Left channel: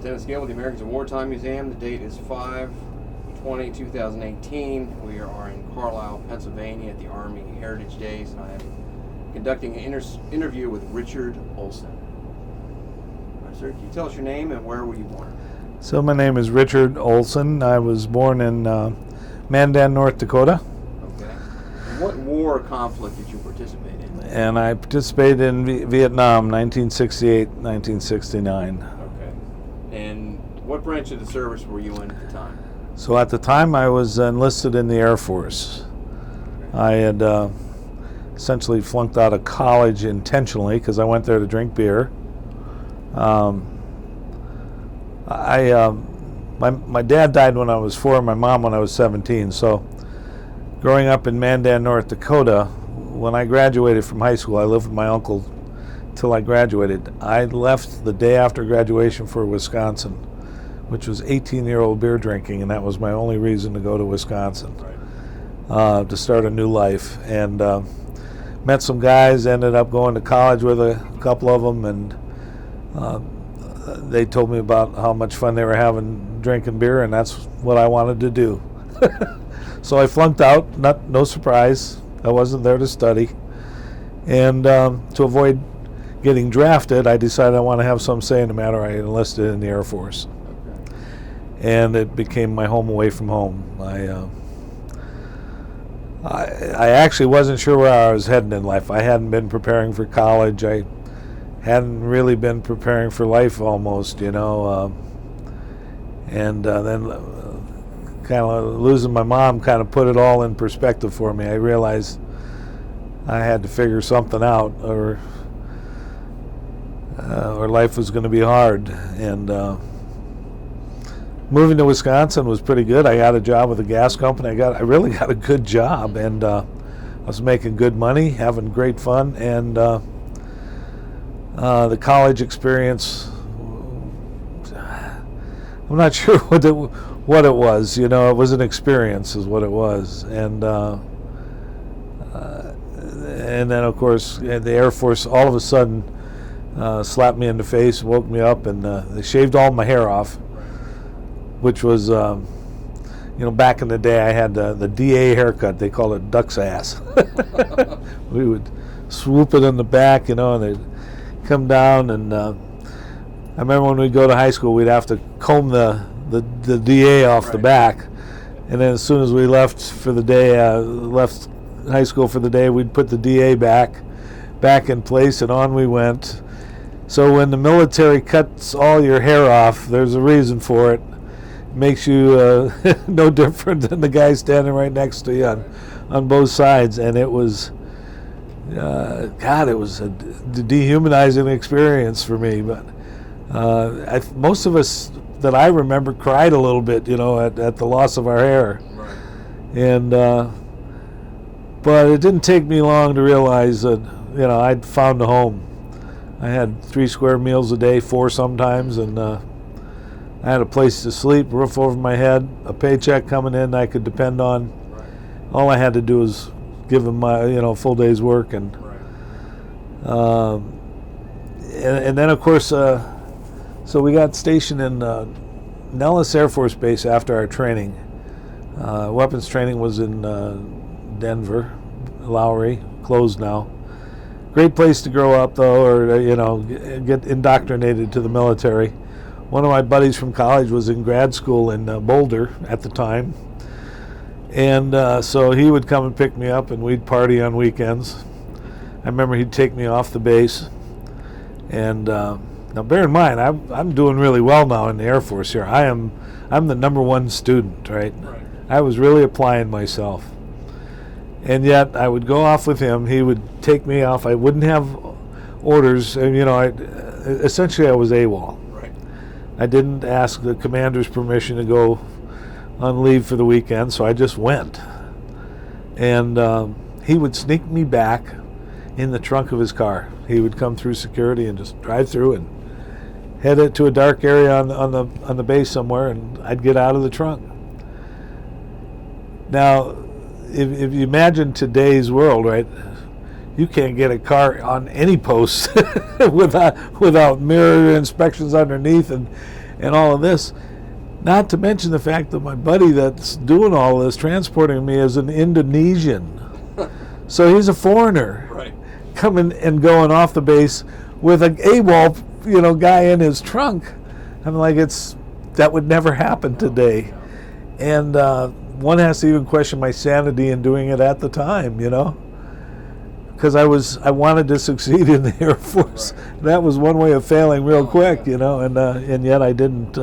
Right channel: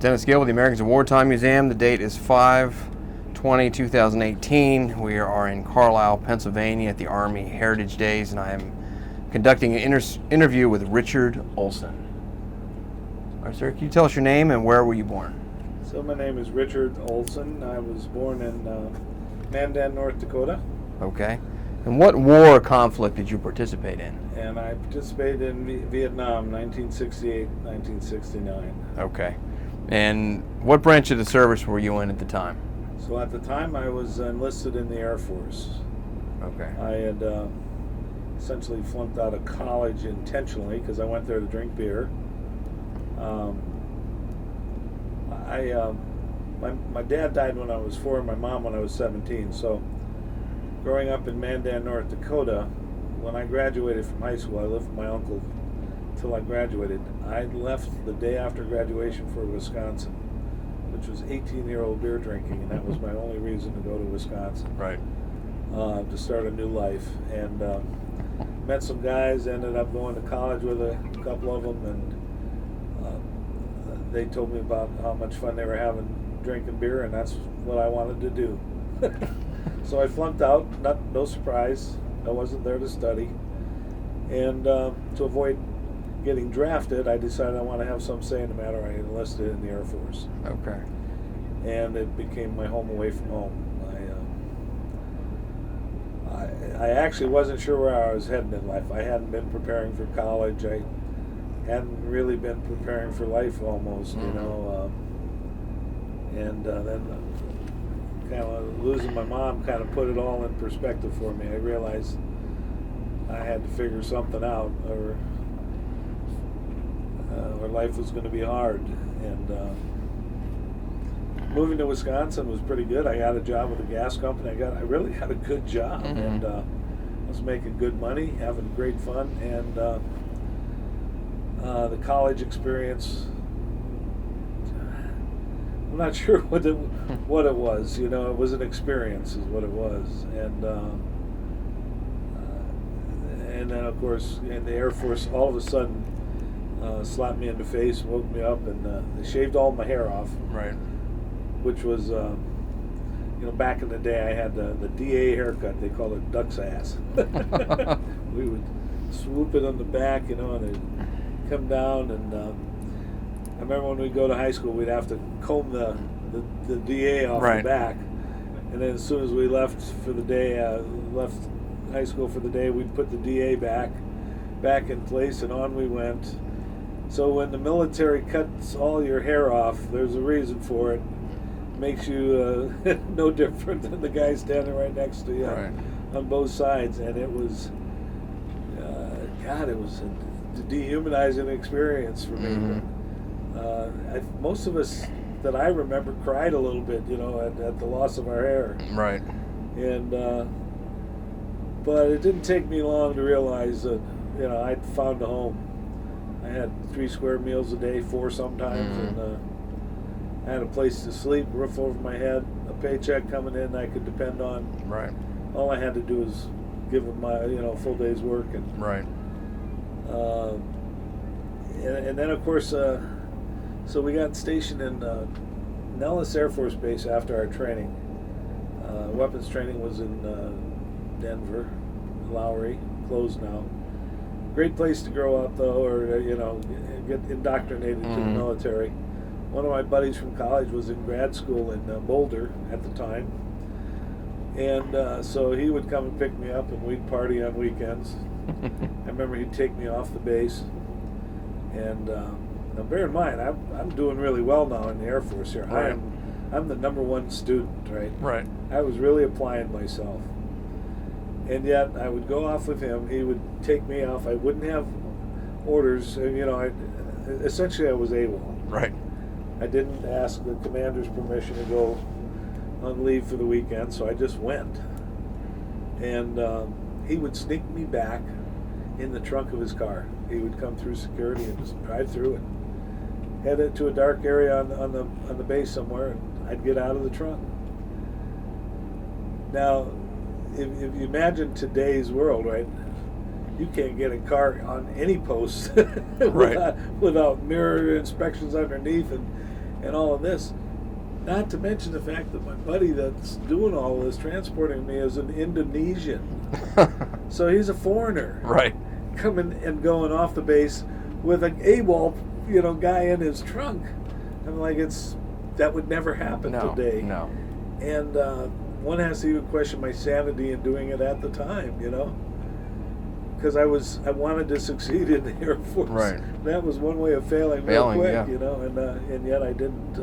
Dennis Gill with the Americans of Wartime Museum. The date is 5/20/2018. We are in Carlisle, Pennsylvania at the Army Heritage Days, and I am conducting an interview with Richard Olson. All right, sir, can you tell us your name and where were you born? So my name is Richard Olson. I was born in Mandan, North Dakota. Okay. And what war conflict did you participate in? And I participated in Vietnam, 1968, 1969. Okay. And what branch of the service were you in at the time? So at the time I was enlisted in the Air Force. Okay. I had essentially flunked out of college intentionally because I went there to drink beer. My dad died when I was 4, my mom when I was 17. So growing up in Mandan, North Dakota, when I graduated from high school, I lived with my uncle till I graduated. I left the day after graduation for Wisconsin, which was 18-year-old beer drinking, and that was my only reason to go to Wisconsin. Right. To start a new life. And met some guys, ended up going to college with a couple of them, and they told me about how much fun they were having drinking beer, and that's what I wanted to do. So I flunked out, no surprise. I wasn't there to study. And to avoid getting drafted, I decided I want to have some say in the matter. I enlisted in the Air Force. Okay. And it became my home away from home. I actually wasn't sure where I was heading in life. I hadn't been preparing for college. I hadn't really been preparing for life almost, you know. And then kind of losing my mom kind of put it all in perspective for me. I realized I had to figure something out, or life was going to be hard. And moving to Wisconsin was pretty good. I got a job with a gas company. I really got a good job, and I was making good money, having great fun, and the college experience, I'm not sure what it was. You know, it was an experience, is what it was, and then of course the Air Force all of a sudden slapped me in the face, woke me up, and they shaved all my hair off. Right. Which was, you know, back in the day I had the DA haircut. They call it duck's ass. We would swoop it in the back, you know, and they'd come down, and I remember when we'd go to high school, we'd have to comb the DA off the back, and then as soon as we left for the day, left high school for the day, we'd put the DA back in place, and on we went. So when the military cuts all your hair off, there's a reason for it. It makes you no different than the guy standing right next to you on both sides, and it was, God, it was a dehumanizing experience for me. But most of us that I remember cried a little bit, you know, at the loss of our hair. Right. And but it didn't take me long to realize that, you know, I'd found a home. I had 3 square meals a day, 4 sometimes, and I had a place to sleep, roof over my head, a paycheck coming in I could depend on. Right. All I had to do was give them my, you know, full day's work, and right. And then of course, so we got stationed in Nellis Air Force Base after our training. Weapons training was in Denver, Lowry, closed now. Great place to grow up, though, or you know, get indoctrinated to the military. One of my buddies from college was in grad school in Boulder at the time, and so he would come and pick me up, and we'd party on weekends. I remember he'd take me off the base, and now bear in mind, I'm doing really well now in the Air Force here. I'm the #1 student, right? Right. I was really applying myself. And yet I would go off with him. He would take me off. I wouldn't have orders, and you know, essentially I was AWOL. Right. I didn't ask the commander's permission to go on leave for the weekend, so I just went. And he would sneak me back in the trunk of his car. He would come through security and just drive through and head it to a dark area on the base somewhere, and I'd get out of the trunk. Now, if you imagine today's world, right? You can't get a car on any post without mirror inspections underneath, and and all of this. Not to mention the fact that my buddy that's doing all this, transporting me, is an Indonesian. So he's a foreigner. Right. Coming and going off the base with a AWOL, guy in his trunk. I'm like, that would never happen today. No. And one has to even question my sanity in doing it at the time, because I wanted to succeed in the Air Force. Right. That was one way of failing real quick, yeah. and yet I didn't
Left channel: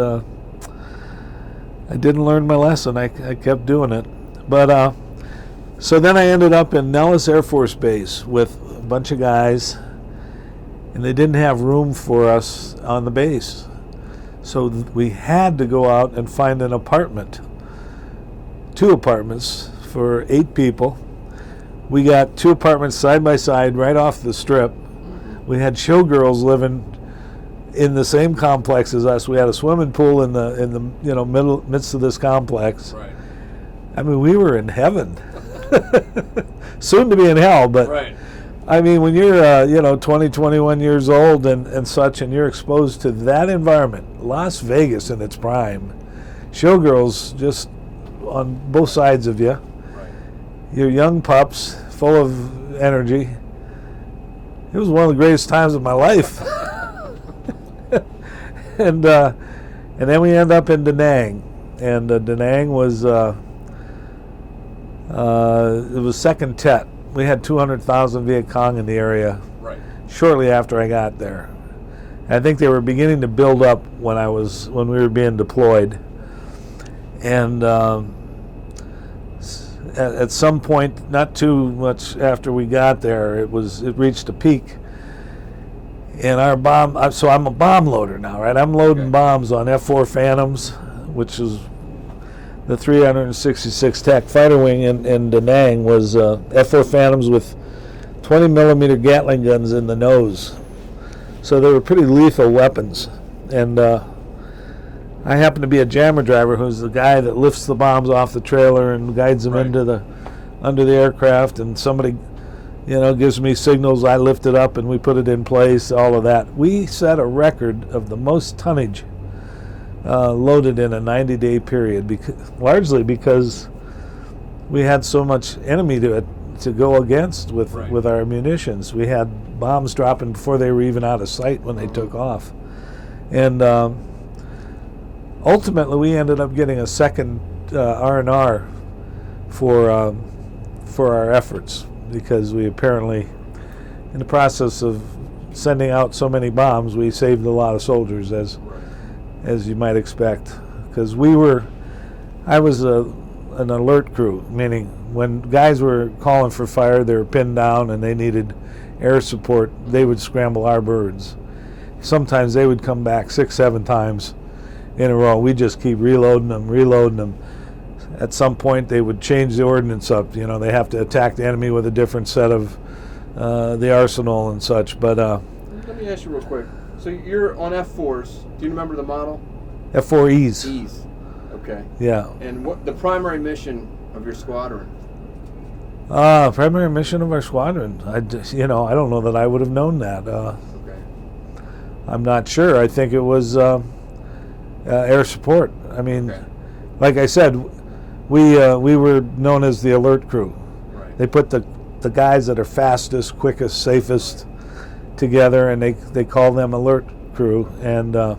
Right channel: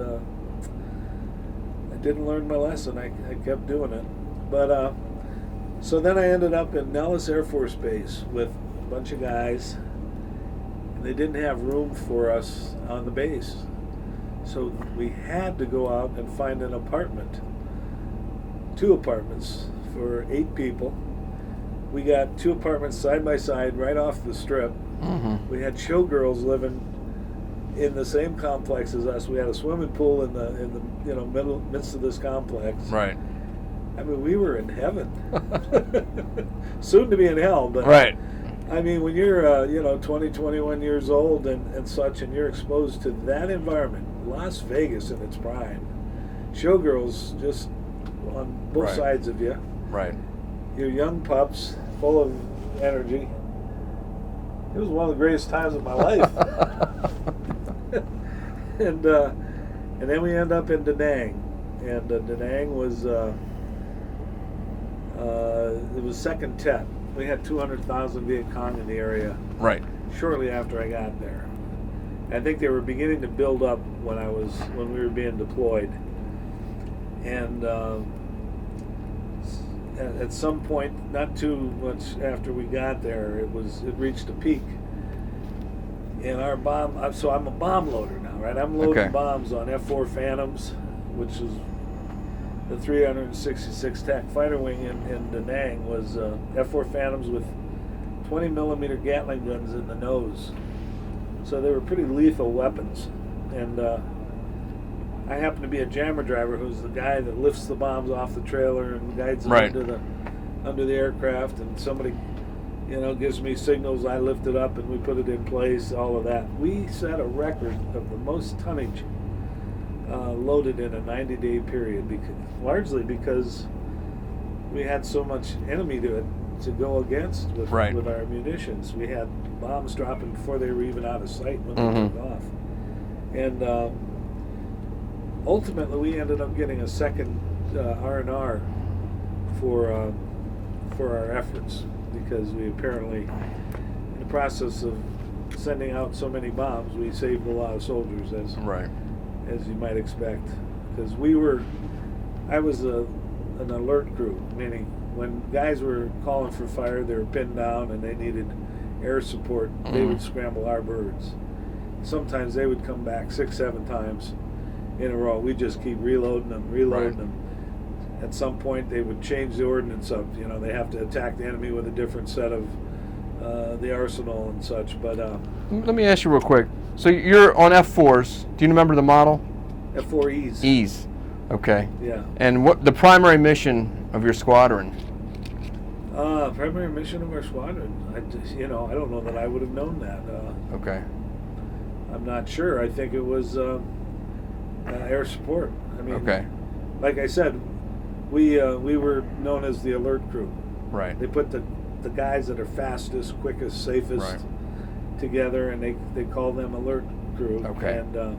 learn my lesson. I kept doing it. But so then I ended up in Nellis Air Force Base with a bunch of guys, and they didn't have room for us on the base. So we had to go out and find an apartment, 2 apartments for 8 people. We got 2 apartments side by side right off the strip. Mm-hmm. We had showgirls living in the same complex as us. We had a swimming pool in the midst of this complex. Right. I mean, we were in heaven. Soon to be in hell, but right. I mean, when you're 20, 21 years old and such, and you're exposed to that environment, Las Vegas in its prime, showgirls just on both sides of you. Right. You're young pups, full of energy. It was one of the greatest times of my life. And then we end up in Da Nang, and Da Nang was it was second Tet. We had 200,000 Viet Cong in the area. Right. Shortly after I got there, I think they were beginning to build up when we were being deployed, and at some point, not too much after we got there, it reached a peak. And our bomb, so I'm a bomb loader now, right? I'm loading bombs on F-4 Phantoms, which is the 366 TAC fighter wing in Da Nang was F-4 Phantoms with 20 millimeter Gatling guns in the nose. So they were pretty lethal weapons. And I happen to be a jammer driver, who's the guy that lifts the bombs off the trailer and guides them under the aircraft, and somebody gives me signals, I lift it up and we put it in place, all of that. We set a record of the most tonnage loaded in a 90-day period, largely because we had so much enemy to go against with our munitions. We had bombs dropping before they were even out of sight when they took off. And ultimately we ended up getting a second R&R for our efforts, because we apparently, in the process of sending out so many bombs, we saved a lot of soldiers, as you might expect. Because I was an alert crew, meaning when guys were calling for fire, they were pinned down and they needed air support, they would scramble our birds. Sometimes they would come back 6, 7 times in a row. We just keep reloading them. At some point, they would change the ordnance up. They have to attack the enemy with a different set of the arsenal and such. But let me ask you real quick. So you're on F4s. Do you remember the model? F4Es. E's. Okay. Yeah. And what the primary mission of your squadron? Primary mission of our squadron. I don't know that I would have known that. Okay. I'm not sure. I think it was air support. I mean, like I said, we were known as the alert crew. Right. They put the guys that are fastest, quickest, safest together, and they call them alert crew. Okay.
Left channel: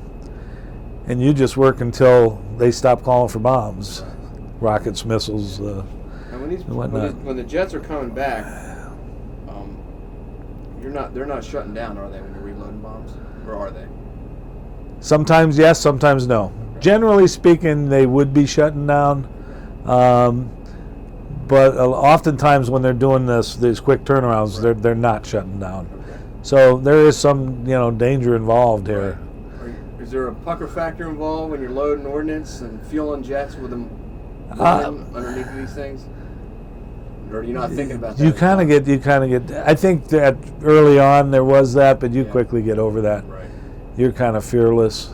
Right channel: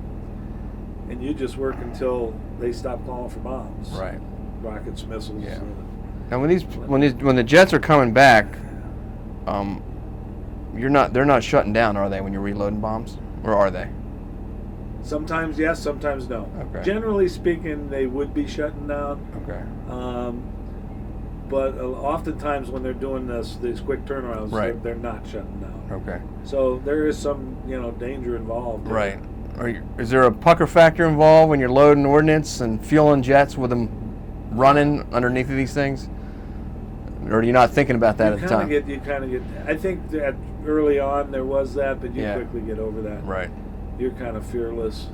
And you just work until they stop calling for bombs. Right. Rockets, missiles. Yeah. And when the jets are coming back, they're not shutting down, are they, when you're reloading bombs, or are they? Sometimes yes, sometimes no. Okay. Generally speaking, they would be shutting down. Okay. But oftentimes when they're doing these quick turnarounds, they're not shutting down. Okay. So there is some danger involved here. Right. Is there a pucker factor involved when you're loading ordnance and fueling jets with them running underneath of these things? Or are you not thinking about that? You kind of get. I think that early on there was that, but you quickly get over that. Right. You're kind of fearless.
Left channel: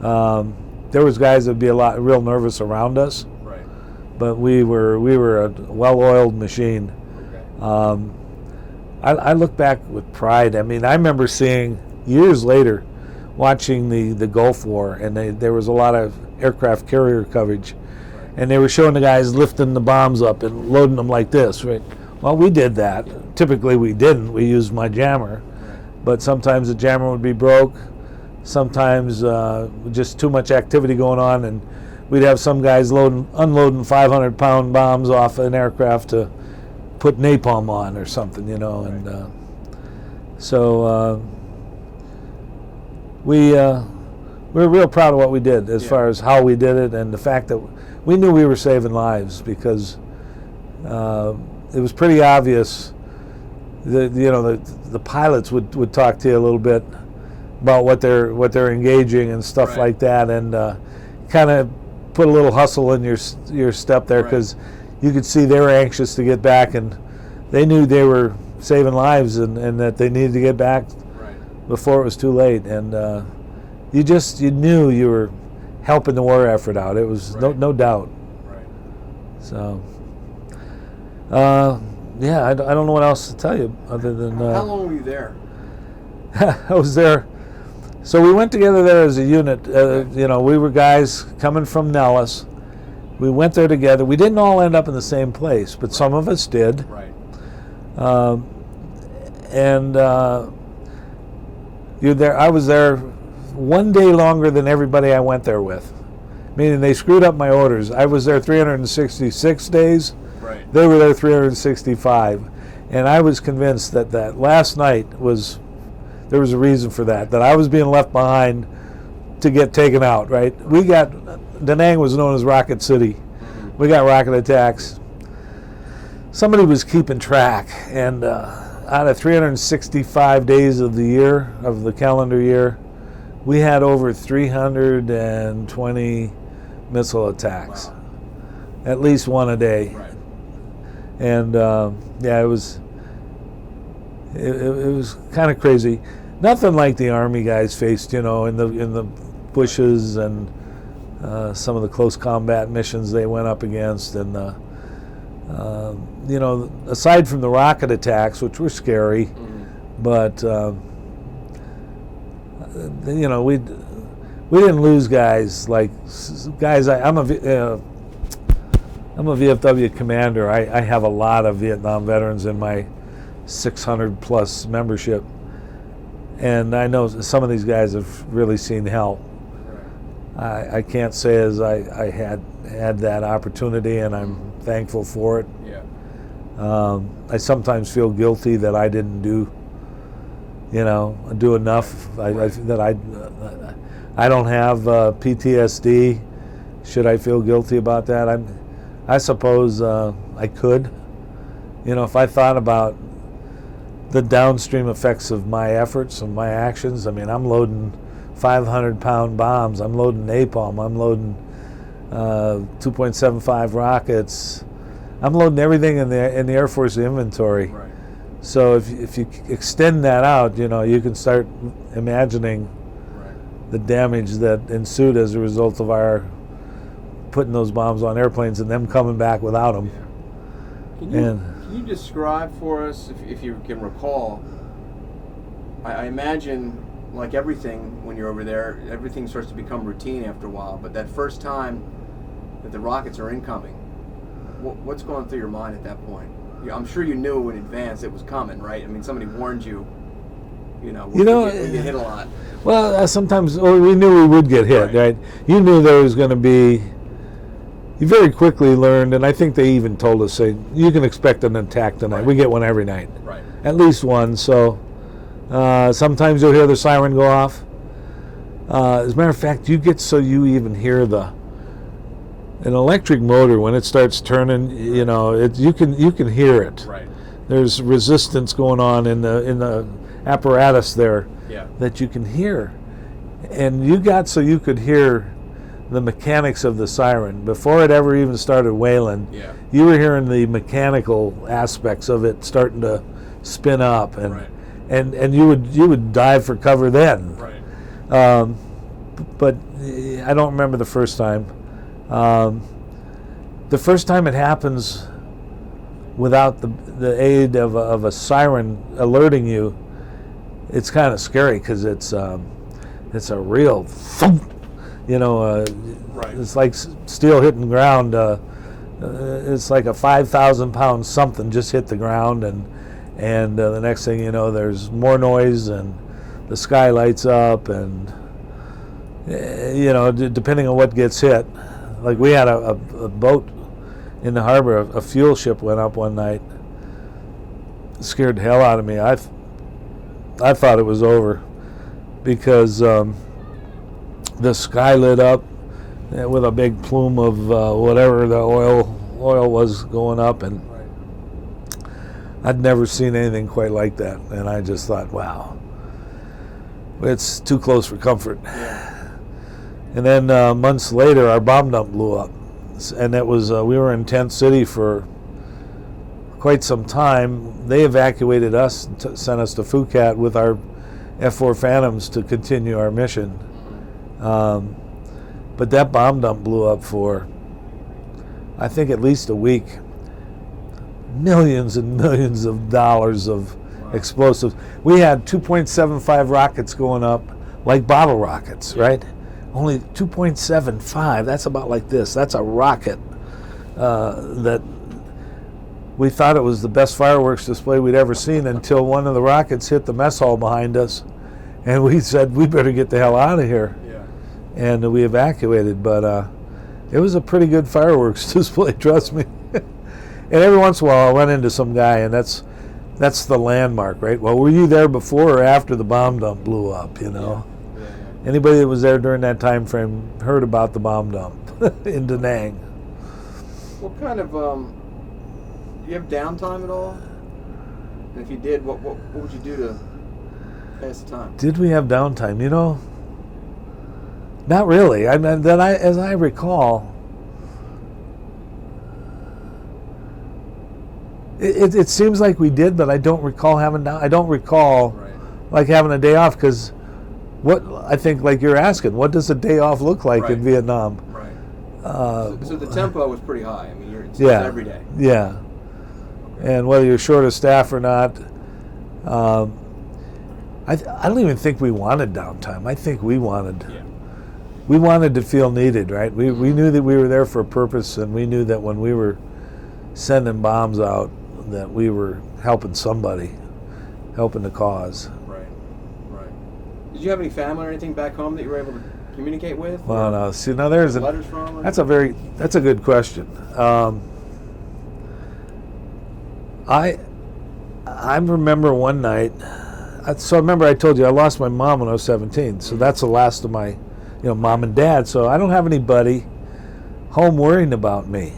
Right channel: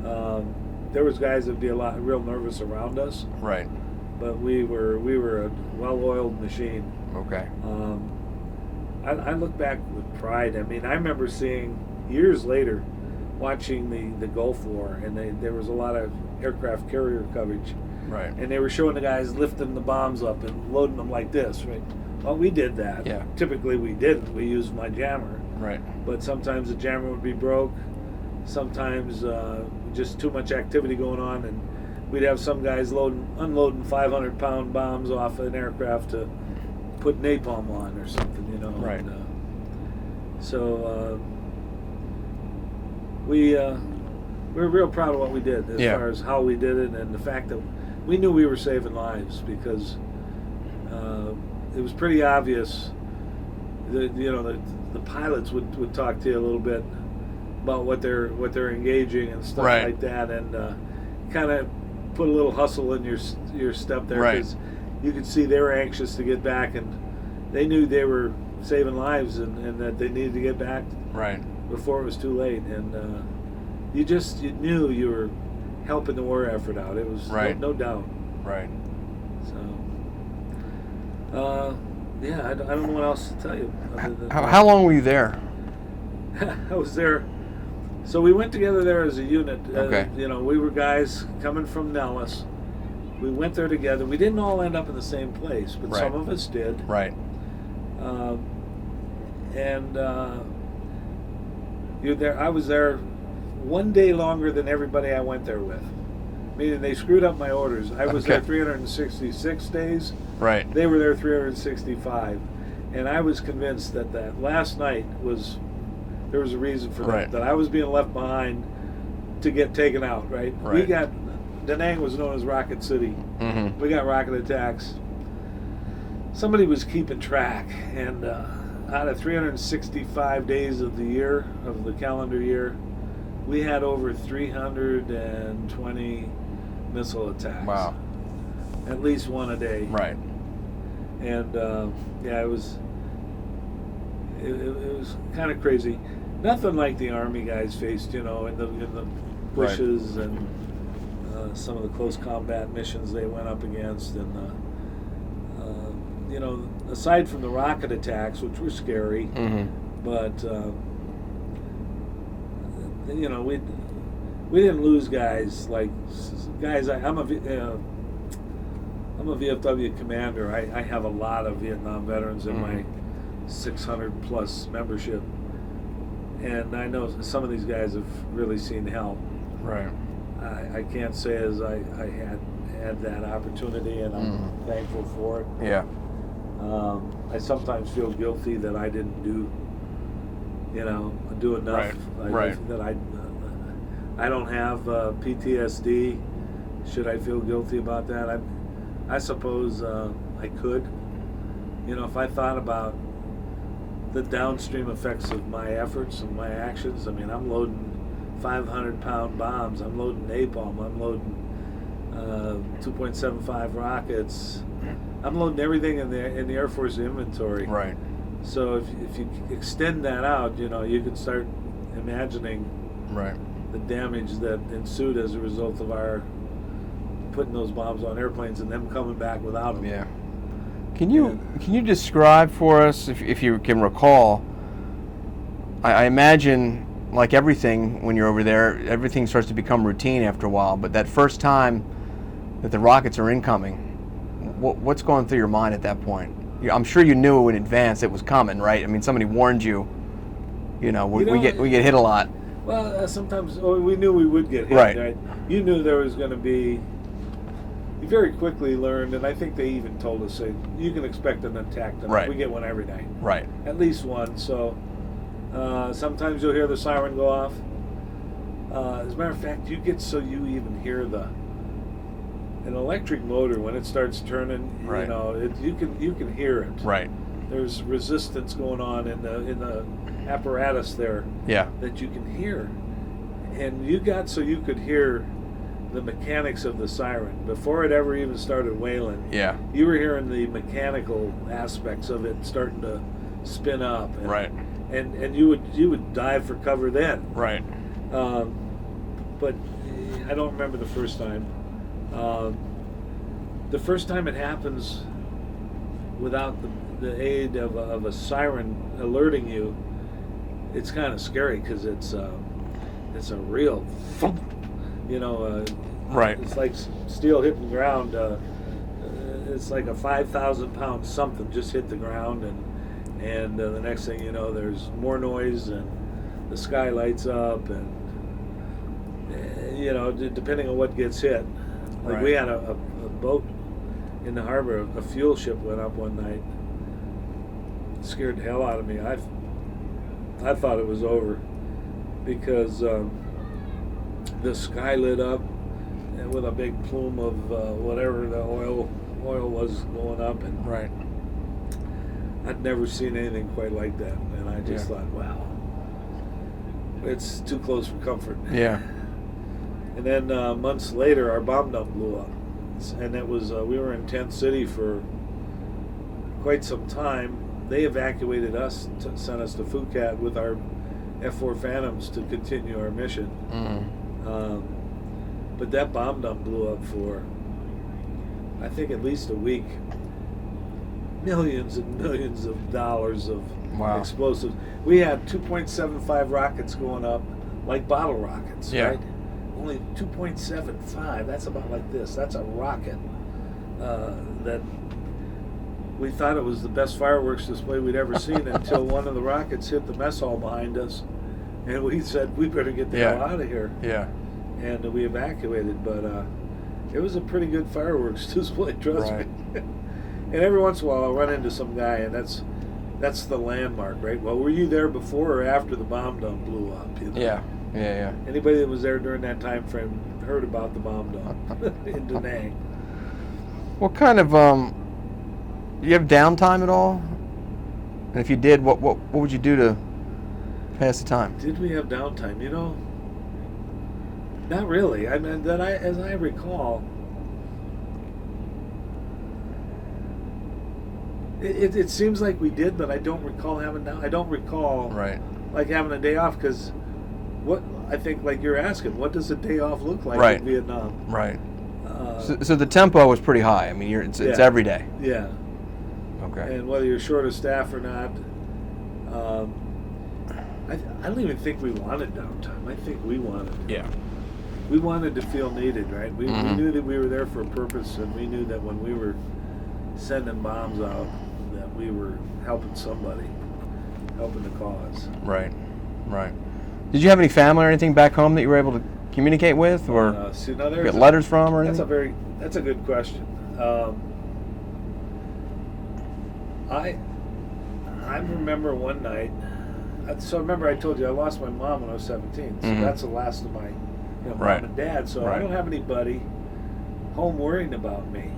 There was guys that'd be real nervous around us. Right. But we were a well-oiled machine. Okay. I look back with pride. I mean, I remember seeing years later watching the Gulf War, and there was a lot of aircraft carrier coverage, Right. and they were showing the guys lifting the bombs up and loading them like this, right? Well, we did that. Yeah. Typically, we didn't. We used my jammer, Right. but sometimes the jammer would be broke. Sometimes just too much activity going on, and we'd have some guys unloading 500-pound bombs off an aircraft to put napalm on or something, you know. Right. And so we're real proud of what we did as Yeah. far as how we did it, and the fact that we knew we were saving lives, because it was pretty obvious that, you know, the pilots would talk to you a little bit about what they're engaging and stuff Right. like that, and kind of put a little hustle in your step there, Right. because you could see they were anxious to get back, and they knew they were saving lives, and that they needed to get back Right. before it was too late. And you knew you were helping the war effort out. It was Right. no doubt. Right. So yeah, I don't know what else to tell you other than How long were you there? I was there. So we went together there as a unit. Okay. You know, we were guys coming from Nellis. We went there together. We didn't all end up in the same place, but Right. some of us did. Right. And you're there. I was there one day longer than everybody I went there with, meaning they screwed up my orders. I was there Okay. 366 days. Right. They were there 365, and I was convinced that last night there was a reason for that. Right. That I was being left behind to get taken out. Right. We got Da Nang was known as Rocket City. Mm-hmm. We got rocket attacks. Somebody was keeping track, and out of 365 days of the year, of the calendar year, we had over 320 missile attacks. Wow. At least one a day. Right. And yeah, it was kind of crazy. Nothing like the Army guys faced, you know, in the bushes and some of the close combat missions they went up against, and you know, aside from the rocket attacks, which were scary, Mm-hmm. but you know, we didn't lose guys like guys. I'm a VFW commander. I have a lot of Vietnam veterans in my 600 plus membership, and I know some of these guys have really seen hell. Right. I can't say as I had that opportunity, and I'm thankful for it. Yeah. I sometimes feel guilty that I didn't do enough. Right. That I don't have PTSD. Should I feel guilty about that? I suppose I could. You know, if I thought about the downstream effects of my efforts and my actions, I mean, I'm loading 500-pound bombs. I'm loading napalm. I'm loading 2.75 rockets. I'm loading everything in the Air Force inventory. Right. So if you extend that out, you know, you can start imagining Right. the damage that ensued as a result of our putting those bombs on airplanes and them coming back without them. Yeah. Can you describe for us, if you can recall? I imagine, like everything, when you're over there, everything starts to become routine after a while. But that first time that the rockets are incoming, what's going through your mind at that point? I'm sure you knew in advance it was coming, right? I mean, somebody warned you. You know, we get hit a lot. Well, sometimes we knew we would get hit, right? You knew there was going to be. You very quickly learned, and I think they even told us, say, you can expect an attack tonight. Right. We get one every night. Right. At least one. So sometimes you'll hear the siren go off. As a matter of fact, you even hear an electric motor when it starts turning. Right. You know, you can hear it. Right. There's resistance going on in the apparatus there. Yeah. That you can hear, and you could hear the mechanics of the siren before it ever even started wailing. Yeah. You were hearing the mechanical aspects of it starting to spin up, and Right. and you would dive for cover then. Right. But I don't remember the first time. The first time it happens without the aid of a siren alerting you, it's kind of scary, because it's It's a real thump, Right. It's like steel hitting ground. It's like a 5,000-pound something just hit the ground, and the next thing you know, there's more noise, and the sky lights up, and depending on what gets hit. Like we had a boat in the harbor, a fuel ship went up one night. It scared the hell out of me. I thought it was over because the sky lit up with a big plume of whatever the oil was going up, and I'd never seen anything quite like that, and I just thought, wow, it's too close for comfort. Yeah. And then months later, our bomb dump blew up, and that was we were in Tent City for quite some time. They evacuated us and sent us to Phuket with our F-4 Phantoms to continue our mission. But that bomb dump blew up for, I think, at least a week. Millions and millions of dollars of explosives. We had 2.75 rockets going up like bottle rockets, right? Only 2.75. That's about like this. That's a rocket that we thought it was the best fireworks display we'd ever seen until one of the rockets hit the mess hall behind us, and we said, we better get the hell out of here. Yeah. And we evacuated, but it was a pretty good fireworks display, trust me. And every once in a while I run into some guy, and that's the landmark, right? Well, were you there before or after the bomb dump blew up, Yeah. Anybody that was there during that time frame heard about the bomb dump in Da Nang. What kind of do you have downtime at all? And if you did, what would you do to pass the time? Did we have downtime? Not really. I mean, as I recall, it seems like we did, but I don't recall having I don't recall like having a day off, because what I think, like you're asking, what does a day off look like in Vietnam? Right. So the tempo was pretty high. I mean, it's every day. Yeah. Okay. And whether you're short of staff or not, I don't even think we wanted downtime. I think we wanted. Yeah. We wanted to feel needed, right? We knew that we were there for a purpose, and we knew that when we were sending bombs out, that we were helping somebody, helping the cause. Right. Did you have any family or anything back home that you were able to communicate with, or no. See, now there's letters from, or anything? That's a good question. I remember one night. So remember I told you I lost my mom when I was 17. So that's the last of my, mom and dad. So I don't have anybody home worrying about me.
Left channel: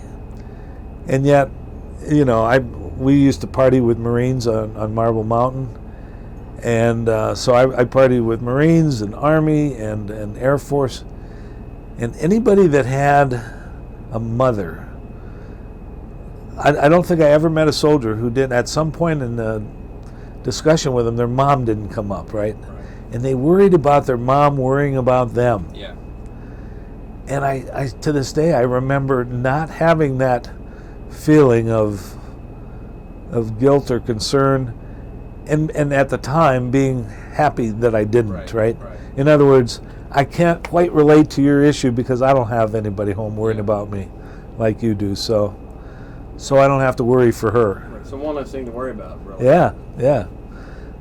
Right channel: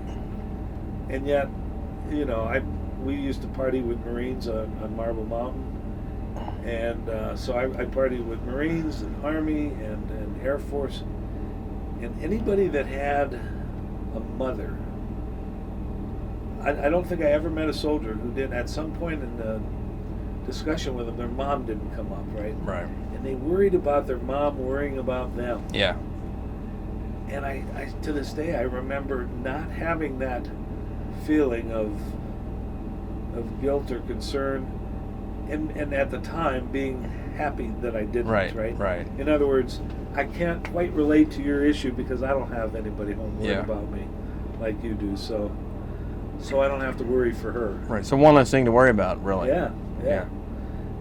And yet, we used to party with Marines on Marble Mountain. And so I partied with Marines and Army and Air Force. And anybody that had a mother, I don't think I ever met a soldier who didn't, at some point in the discussion with them, their mom didn't come up, right? Right. And they worried about their mom worrying about them. Yeah. And I to this day, I remember not having that feeling of guilt or concern, and at the time being happy that I didn't, right? In other words, I can't quite relate to your issue because I don't have anybody home worrying about me like you do, so I don't have to worry for her. Right, so one less thing to worry about, really. Yeah.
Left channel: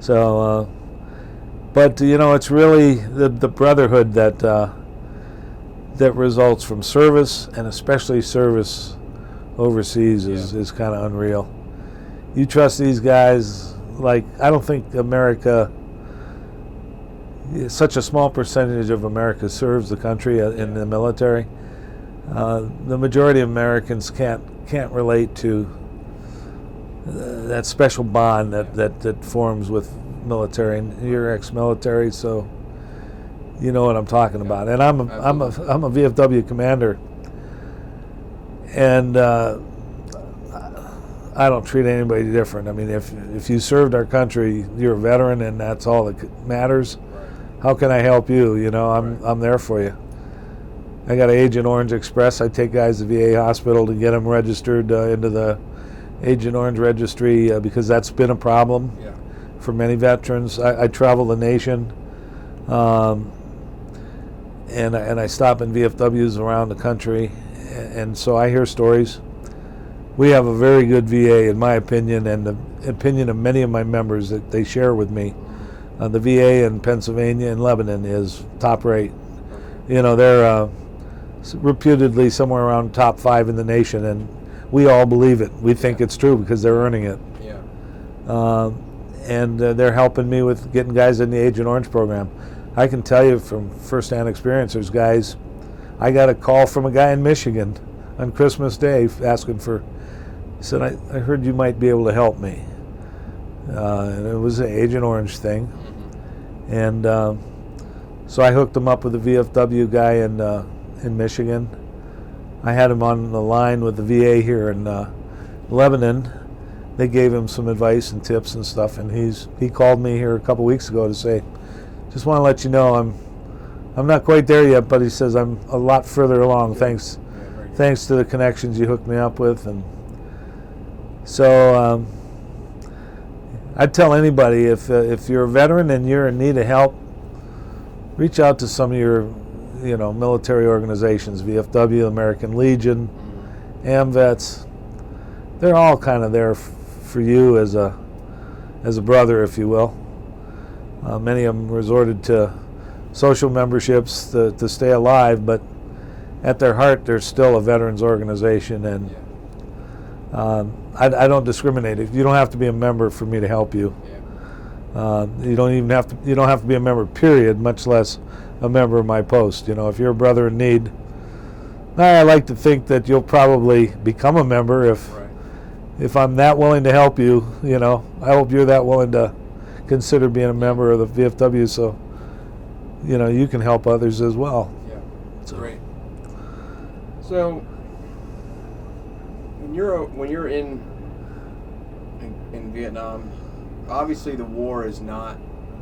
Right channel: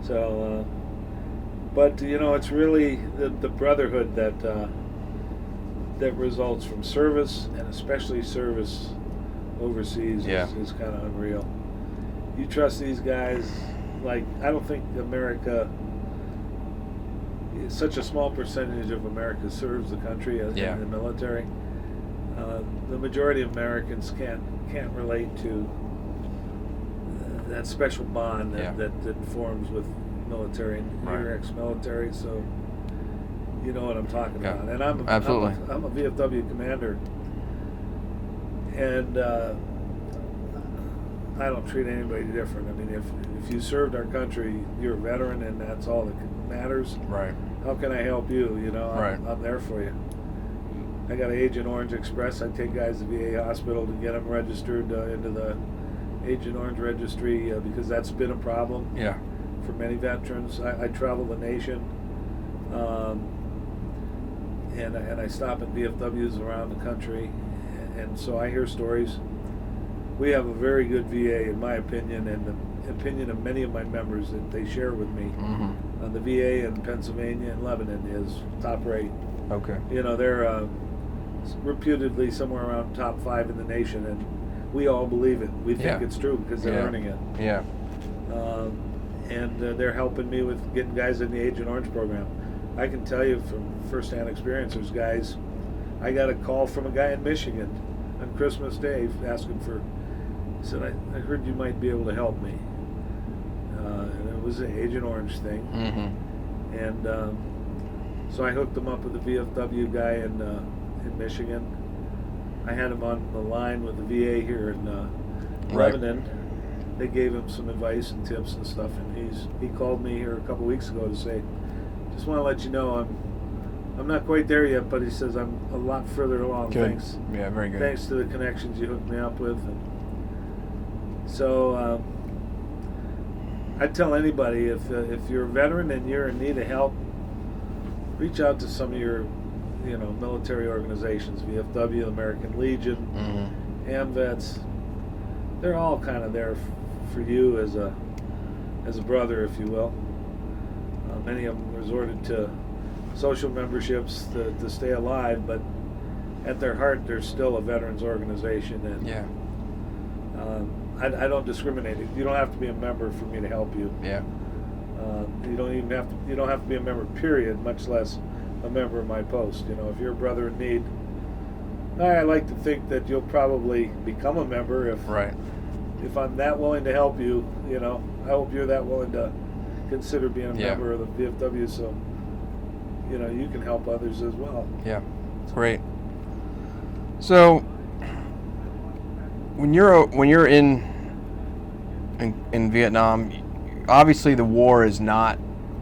So, but it's really the brotherhood that results from service, and especially service overseas is kind of unreal. You trust these guys. Like, I don't think America, such a small percentage of America serves the country in the military. The majority of Americans can't relate to that special bond that forms with military. And you're ex-military, so you know what I'm talking about. And I'm a VFW commander, and I don't treat anybody different. I mean, if you served our country, you're a veteran, and that's all that matters. Right. How can I help you? I'm there for you. I got an Agent Orange Express. I take guys to VA hospital to get them registered into the Agent Orange registry because that's been a problem for many veterans. I travel the nation. and I stop in VFWs around the country, and so I hear stories. We have a very good VA, in my opinion, and the opinion of many of my members that they share with me. The VA in Pennsylvania and Lebanon is top rate. Okay. You know, they're reputedly somewhere around top 5 in the nation, and we all believe it. We think it's true because they're earning it. Yeah. And they're helping me with getting guys in the Agent Orange program. I can tell you from firsthand experience, there's guys, I got a call from a guy in Michigan on Christmas Day asking for, said, I heard you might be able to help me. And it was an Agent Orange thing. And so I hooked him up with a VFW guy in Michigan. I had him on the line with the VA here in Lebanon. They gave him some advice and tips and stuff, and he called me here a couple weeks ago to say, just want to let you know I'm not quite there yet, but he says I'm a lot further along. Good. Thanks. Yeah, very good. Thanks to the connections you hooked me up with. And so I'd tell anybody, if you're a veteran and you're in need of help, reach out to some of your military organizations, VFW, American Legion, AMVETS. They're all kind of there for you as a brother, if you will. Many of them resorted to social memberships to stay alive, but at their heart, they're still a veterans organization. And I don't discriminate. You don't have to be a member for me to help you. Yeah. You don't have to be a member, period, much less a member of my post. If you're a brother in need, I like to think that you'll probably become a member if I'm that willing to help you. I hope you're that willing to consider being a member of the VFW, so you can help others as well. Yeah. Great. So when you're in Vietnam, obviously the war is not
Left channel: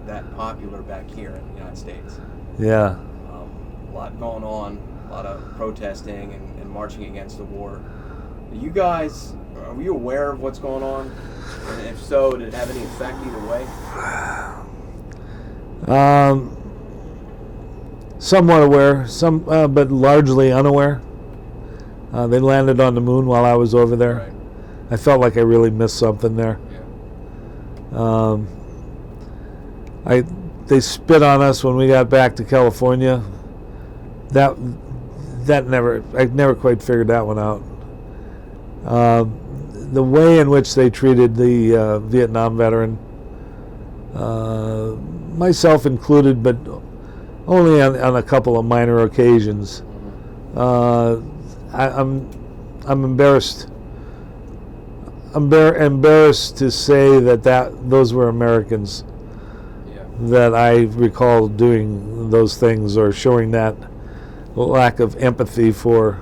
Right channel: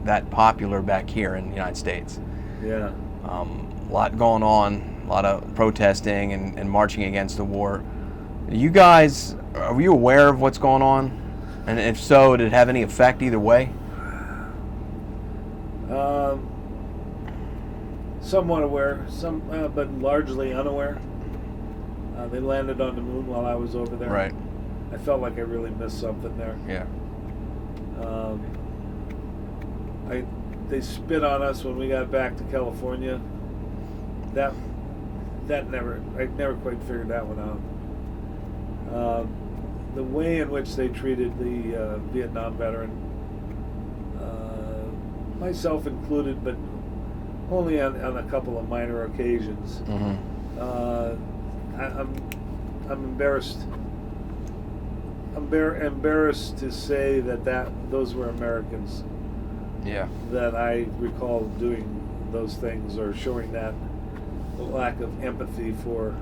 that popular back here in the United States. Yeah. A lot going on, a lot of protesting and marching against the war. You guys, are you aware of what's going on? And if so, did it have any effect either way? Somewhat aware, but largely unaware. They landed on the moon while I was over there. Right. I felt like I really missed something there. Yeah. They spit on us when we got back to California. I never quite figured that one out. The way in which they treated the Vietnam veteran, myself included, but only on a couple of minor occasions. I'm embarrassed. Embarrassed to say that those were Americans. Yeah. That I recall doing those things or showing that lack of empathy for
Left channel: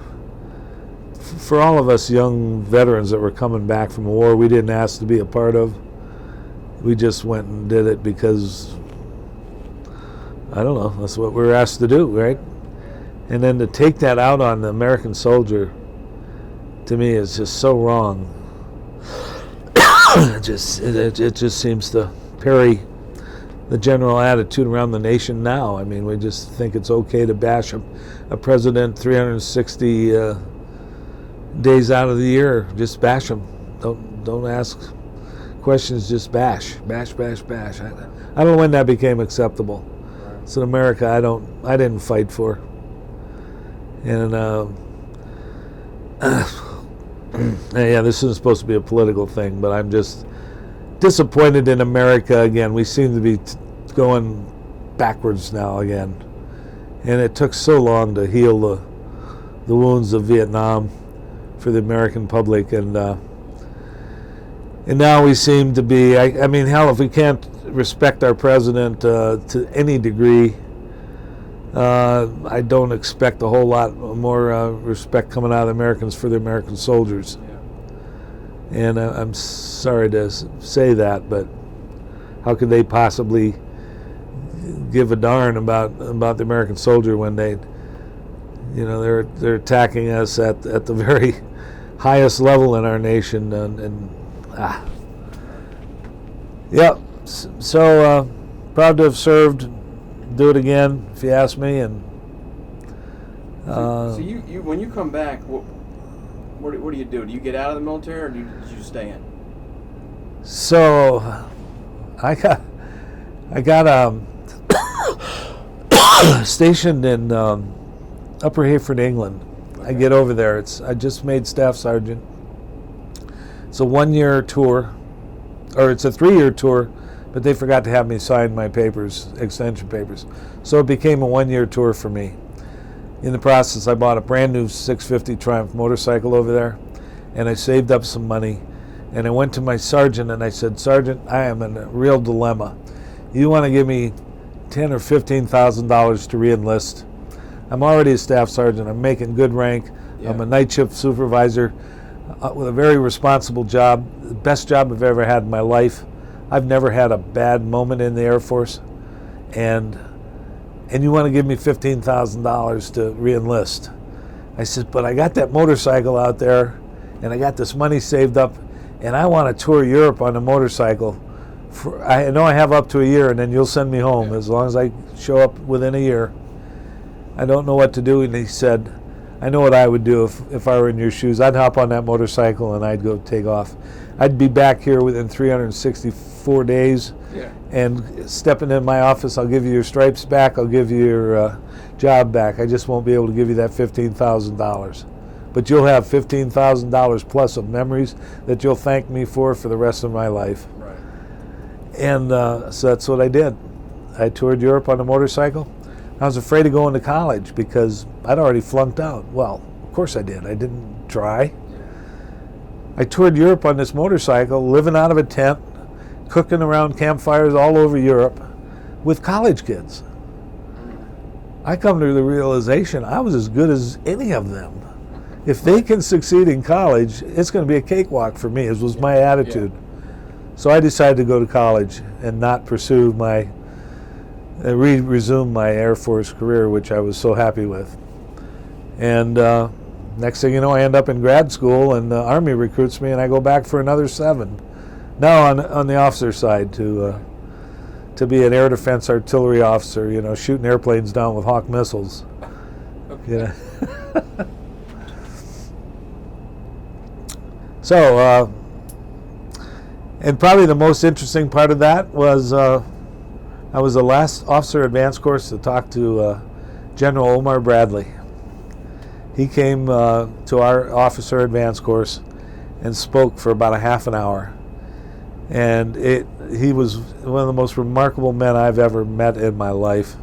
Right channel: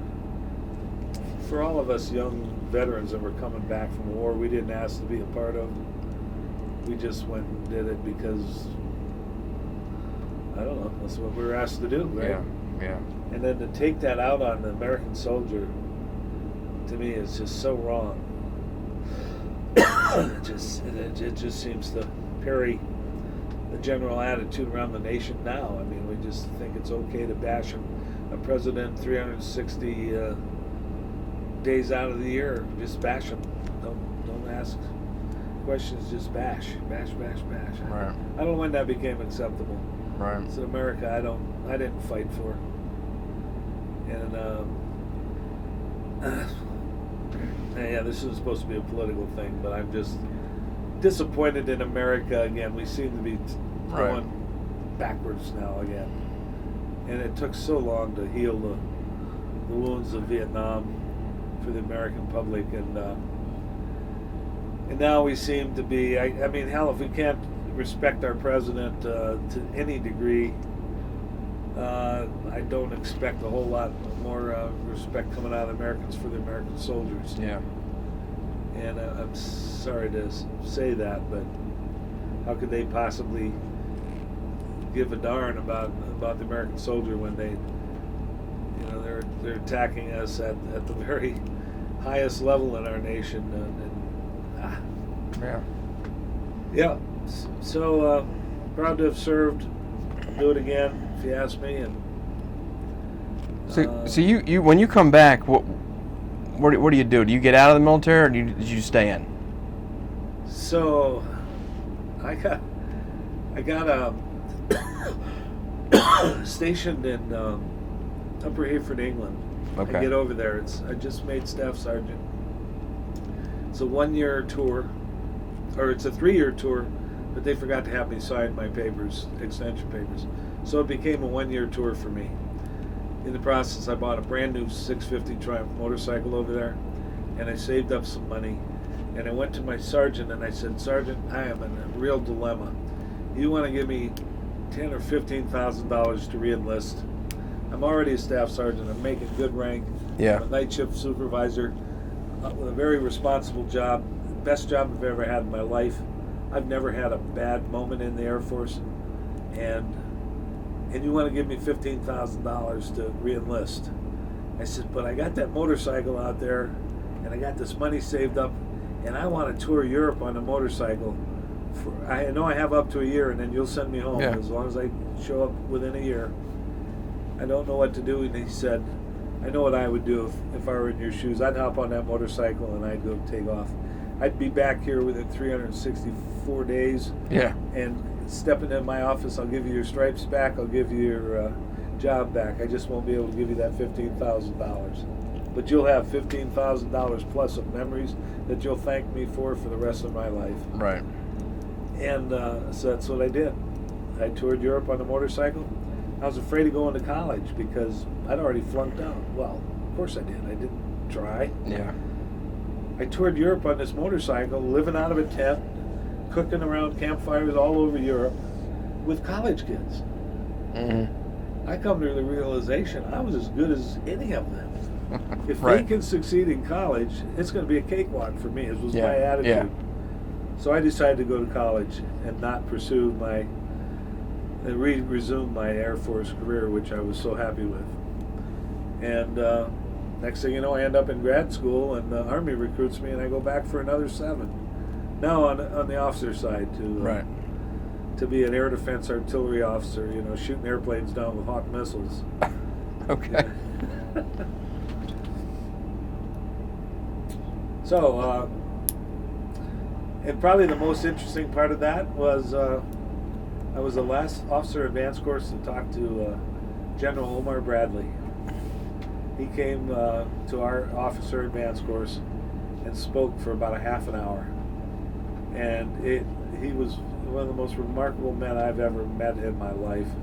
all of us young veterans that were coming back from a war we didn't ask to be a part of. We just went and did it because, I don't know, that's what we were asked to do, right? Yeah. And then to take that out on the American soldier, to me, is just so wrong. It just seems to parry the general attitude around the nation now. I mean, we just think it's okay to bash a president 360 days out of the year. Just bash him. Don't ask questions. Just bash. Right. I don't know when that became acceptable. Right. It's in America. I didn't fight for. And yeah, this isn't supposed to be a political thing, but I'm just disappointed in America again. We seem to be going backwards now again. And it took so long to heal the wounds of Vietnam for the American public, and now we seem to be, I mean, hell, if we can't respect our president to any degree, I don't expect a whole lot more respect coming out of the Americans for the American soldiers. Yeah. And I'm sorry to say that, but how could they possibly give a darn about the American soldier when they're attacking us at the very highest level in our nation, yeah. So proud to have served. Do it again if you ask me, and So you when you come back, what do you do? Do you get out of the military, or did you stay in? So I got stationed in Upper Hayford, England. Okay. I get over there. I just made staff sergeant. It's a 1-year tour, or it's a 3-year tour, but they forgot to have me sign my papers, extension papers. So it became a 1-year tour for me. In the process, I bought a brand new 650 Triumph motorcycle over there, and I saved up some money. And I went to my sergeant and I said, "Sergeant, I am in a real dilemma. You want to give me $10,000 or $15,000 to re-enlist? I'm already a staff sergeant. I'm making good rank. Yeah. I'm a night shift supervisor with a very responsible job, the best job I've ever had in my life. I've never had a bad moment in the Air Force, and you want to give me $15,000 to re-enlist?" I said, "But I got that motorcycle out there, and I got this money saved up, and I want to tour Europe on a motorcycle. I know I have up to a year, and then you'll send me home as long as I show up within a year. I don't know what to do." And he said, "I know what I would do if I were in your shoes. I'd hop on that motorcycle and I'd go take off. I'd be back here within 364 days. Yeah. And stepping in my office, I'll give you your stripes back. I'll give you your job back. I just won't be able to give you that $15,000. But you'll have $15,000 plus of memories that you'll thank me for the rest of my life." Right. And so that's what I did. I toured Europe on a motorcycle. I was afraid of going to college because I'd already flunked out. Well, of course I did. I didn't try. Yeah. I toured Europe on this motorcycle, living out of a tent, cooking around campfires all over Europe with college kids. Mm-hmm. I come to the realization I was as good as any of them. If they can succeed in college, it's going to be a cakewalk for me, was my attitude. Yeah. So I decided to go to college and not pursue resume my Air Force career, which I was so happy with. And next thing you know, I end up in grad school, and the Army recruits me, and I go back for another 7. Now on the officer side to be an air defense artillery officer, shooting airplanes down with Hawk missiles. Okay. Yeah. So, and probably the most interesting part of that was I was the last officer advance course to talk to General Omar Bradley. He came to our officer advance course and spoke for about a half an hour. And he was one of the most remarkable men I've ever met in my life.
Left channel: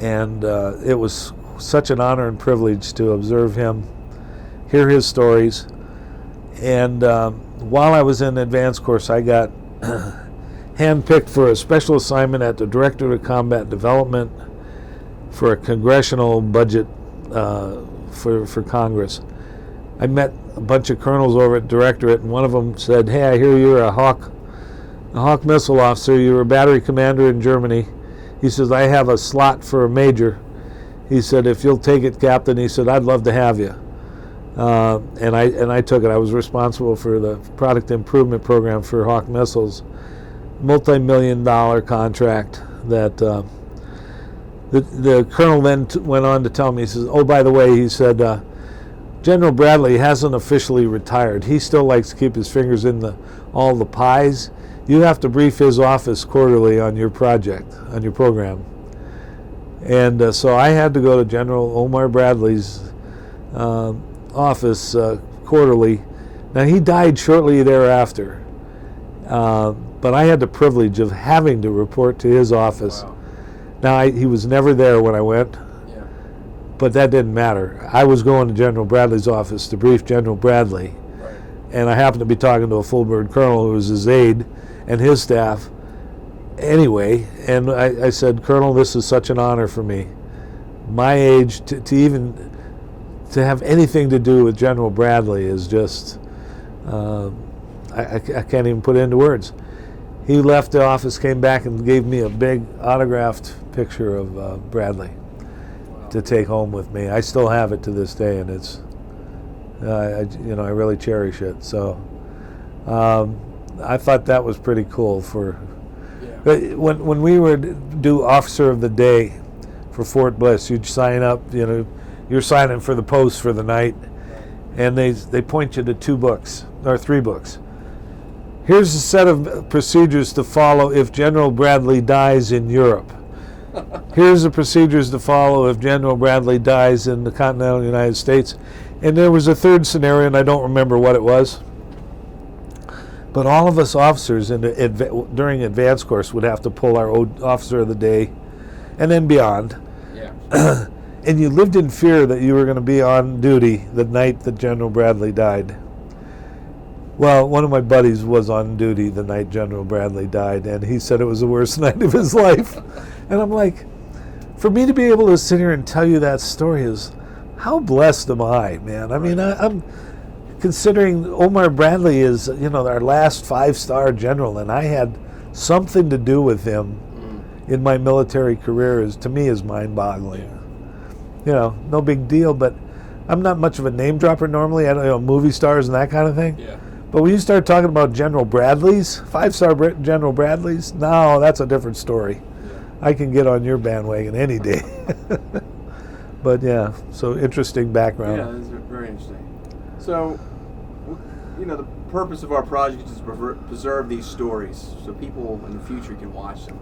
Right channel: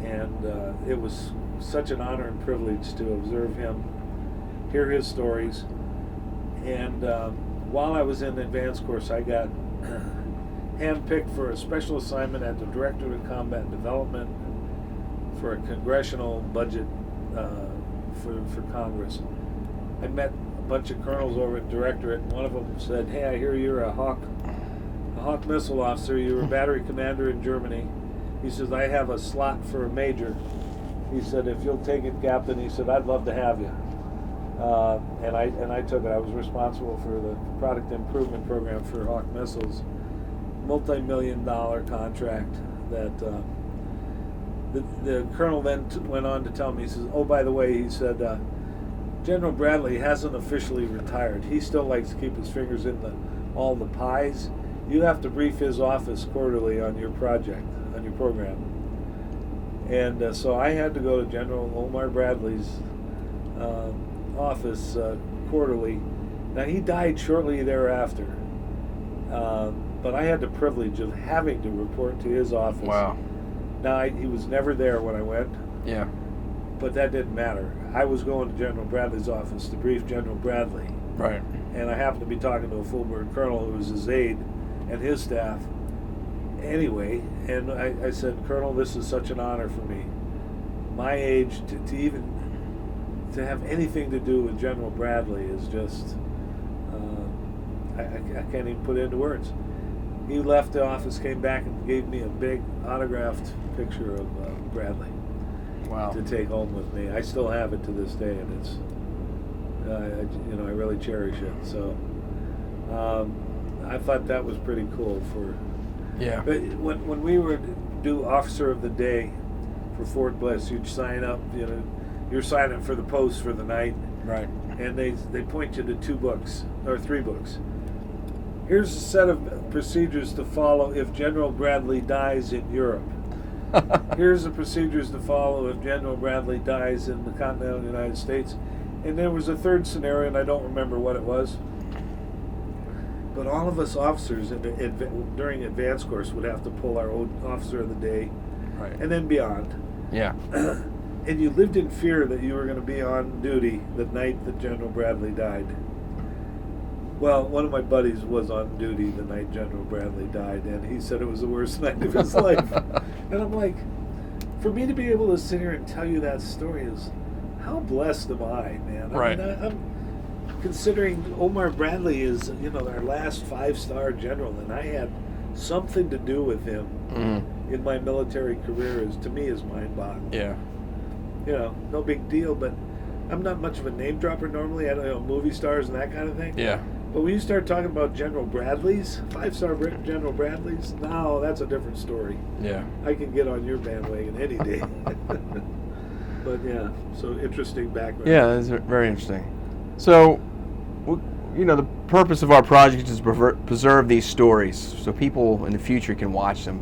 And it was such an honor and privilege to observe him, hear his stories. And while I was in the advanced course, I got handpicked for a special assignment at the Directorate of Combat Development for a congressional budget for Congress. I met a bunch of colonels over at Directorate, and one of them said, "Hey, I hear you're a Hawk missile officer. You were a battery commander in Germany." He says, "I have a slot for a major." He said, "If you'll take it, Captain," he said, "I'd love to have you." And I took it. I was responsible for the product improvement program for Hawk missiles, multi-million-dollar contract that the colonel then went on to tell me. He says, "Oh, by the way," he said, "General Bradley hasn't officially retired. He still likes to keep his fingers in all the pies. You have to brief his office quarterly on your project, on your program." And so I had to go to General Omar Bradley's office quarterly. Now, he died shortly thereafter, but I had the privilege of having to report to his office. Wow. Now, he was never there when I went, Yeah. but that didn't matter. I was going to General Bradley's office to brief General Bradley, Right. and I happened to be talking to a full-bird colonel who was his aide and his staff anyway, and I said, "Colonel, this is such an honor for me. My age, to even to have anything to do with General Bradley is just, I can't even put it into words." He left the office, came back, and gave me a big autographed picture of Bradley Wow. to take home with me. I still have it to this day, and it's, I really cherish it. So I thought that was pretty cool. Yeah. But when we would do Officer of the Day for Fort Bliss, you'd sign up, you're signing for the post for the night, Right. and they point you to 2 books or 3 books. Here's a set of procedures to follow if General Bradley dies in Europe. Here's the procedures to follow if General Bradley dies in the continental United States. And there was a third scenario, and I don't remember what it was. But all of us officers during advanced course would have to pull our officer of the day, Right. and then beyond. Yeah. And you lived in fear that you were going to be on duty the night that General Bradley died. Well, one of my buddies was on duty the night General Bradley died, and he said it was the worst night of his life. And I'm like, for me to be able to sit here and tell you that story is, how blessed am I, man? I mean, I'm considering Omar Bradley is, our last 5-star general, and I had something to do with him in my military career, to me is mind-boggling. Yeah. No big deal, but I'm not much of a name dropper normally. I don't movie stars and that kind of thing. Yeah. But when you start talking about General Bradleys, 5-star General Bradleys, no, that's a different story. Yeah. I can get on your bandwagon any day. But yeah, so interesting background. Yeah, it's very interesting. So, the purpose of our project is to preserve these stories so people in the future can watch them.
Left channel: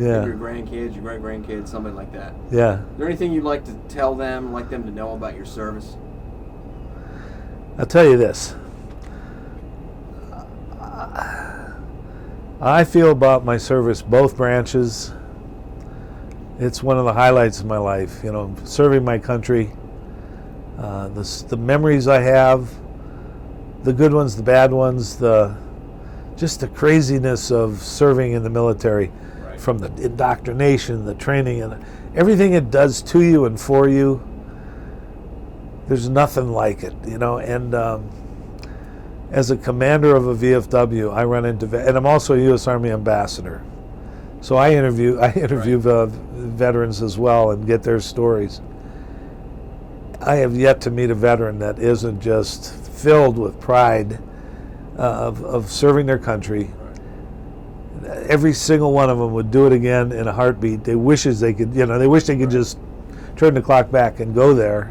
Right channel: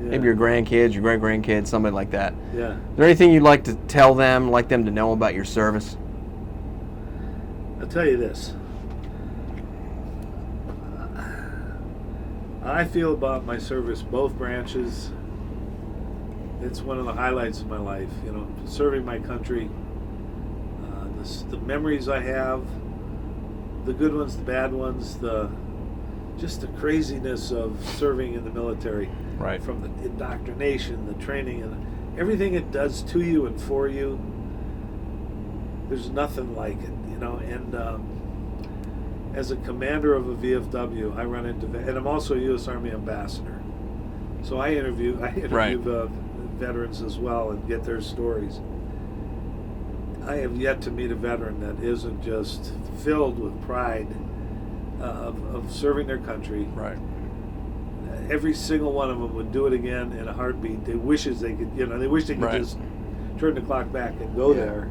Yeah. Maybe your grandkids, your great-grandkids, somebody like that. Yeah. Is there anything you'd like to tell them, like them to know about your service? I'll tell you this. I feel about my service, both branches, it's one of the highlights of my life, serving my country. The memories I have, the good ones, the bad ones, just the craziness of serving in the military. Right. From the indoctrination, the training, and everything it does to you and for you. There's nothing like it, and as a commander of a VFW, I run into, and I'm also a U.S. Army ambassador. So I interview veterans as well and get their stories. I have yet to meet a veteran that isn't just filled with pride of serving their country. Right. Every single one of them would do it again in a heartbeat. They wish they could Right. just turn the clock back and go there.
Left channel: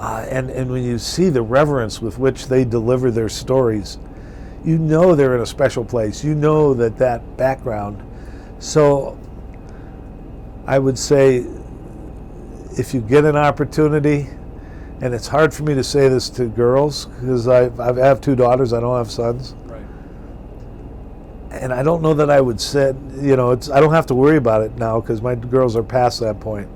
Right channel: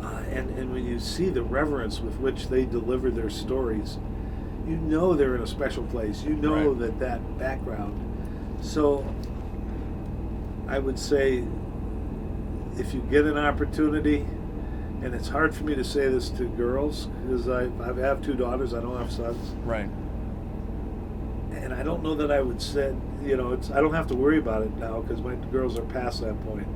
And when you see the reverence with which they deliver their stories, they're in a special place. Right. that background. So I would say, if you get an opportunity, and it's hard for me to say this to girls because I have 2 daughters, I don't have sons. Right. And I don't know that I would say, I don't have to worry about it now because my girls are past that point.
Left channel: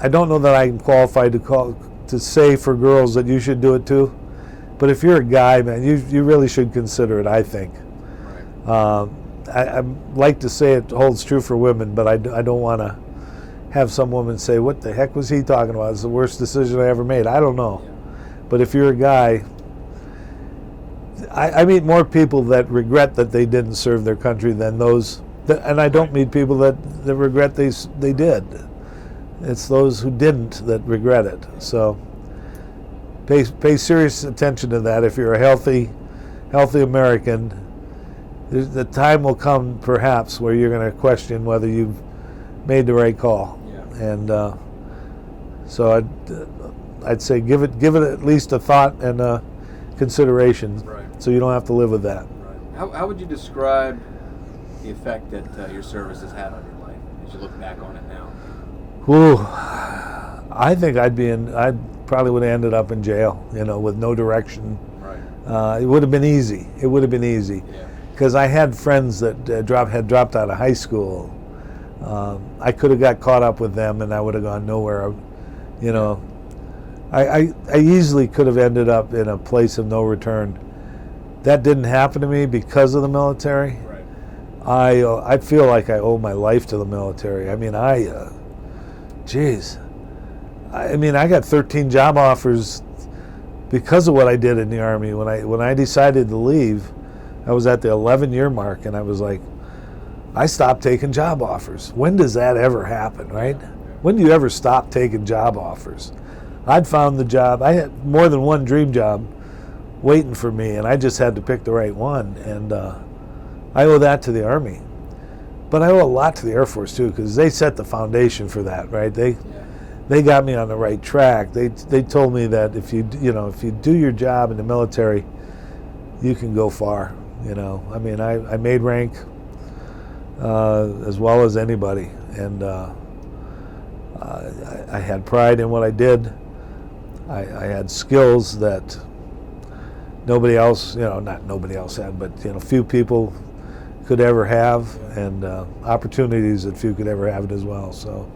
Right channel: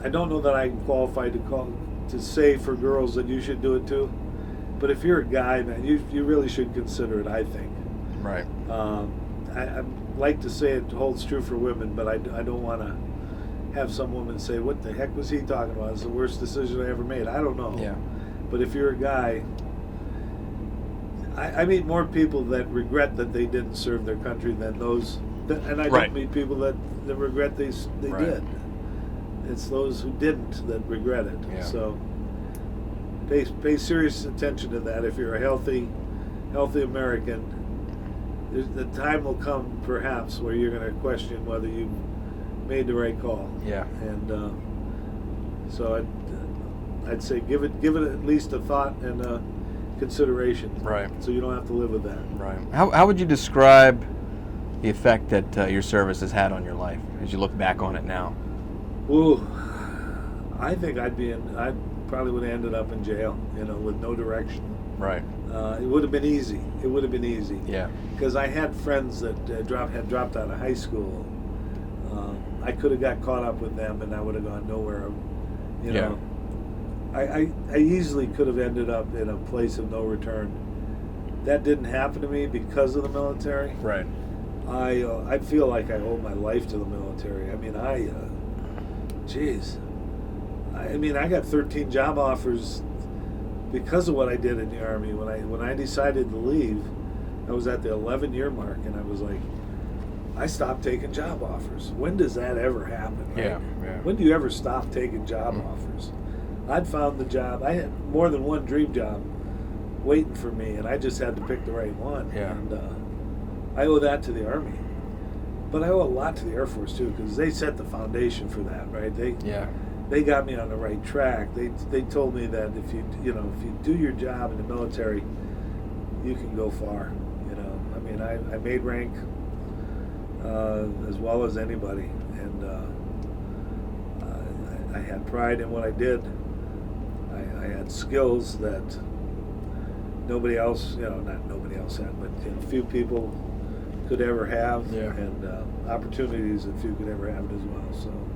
I don't know that I'm qualified to say for girls that you should do it too. But if you're a guy, man, you really should consider it, I think. Right. I like to say it holds true for women, but I don't want to have some woman say, what the heck was he talking about? It's the worst decision I ever made. I don't know. Yeah. But if you're a guy, I meet more people that regret that they didn't serve their country than those, and I don't Right. meet people that regret they Right. did. It's those who didn't that regret it. Yeah. So pay serious attention to that. If you're a healthy American, the time will come perhaps where you're going to question whether you've made the right call. Yeah. And so I'd say give it at least a thought and a consideration. Right. So you don't have to live with that. Right. How would you describe the effect that your service has had on your life as you look back on it now? Ooh, I think I probably would have ended up in jail, with no direction. Right. It would have been easy. Yeah. Because I had friends that had dropped out of high school. I could have got caught up with them, and I would have gone nowhere. Yeah. I easily could have ended up in a place of no return. That didn't happen to me because of the military. Right. I feel like I owe my life to the military. I mean, I got 13 job offers because of what I did in the Army. When I decided to leave, I was at the 11-year mark, and I was like, I stopped taking job offers. When does that ever happen, right? Yeah. When do you ever stop taking job offers? I'd found the job. I had more than one dream job waiting for me, and I just had to pick the right one. Yeah. And I owe that to the Army. But I owe a lot to the Air Force, too, because they set the foundation for that, right? they got me on the right track. They told me that if you do your job in the military, you can go far. I mean, I made rank as well as anybody, and I had pride in what I did. I had skills that nobody else, not nobody else had, but few people could ever have, and opportunities that few could ever have as well. So,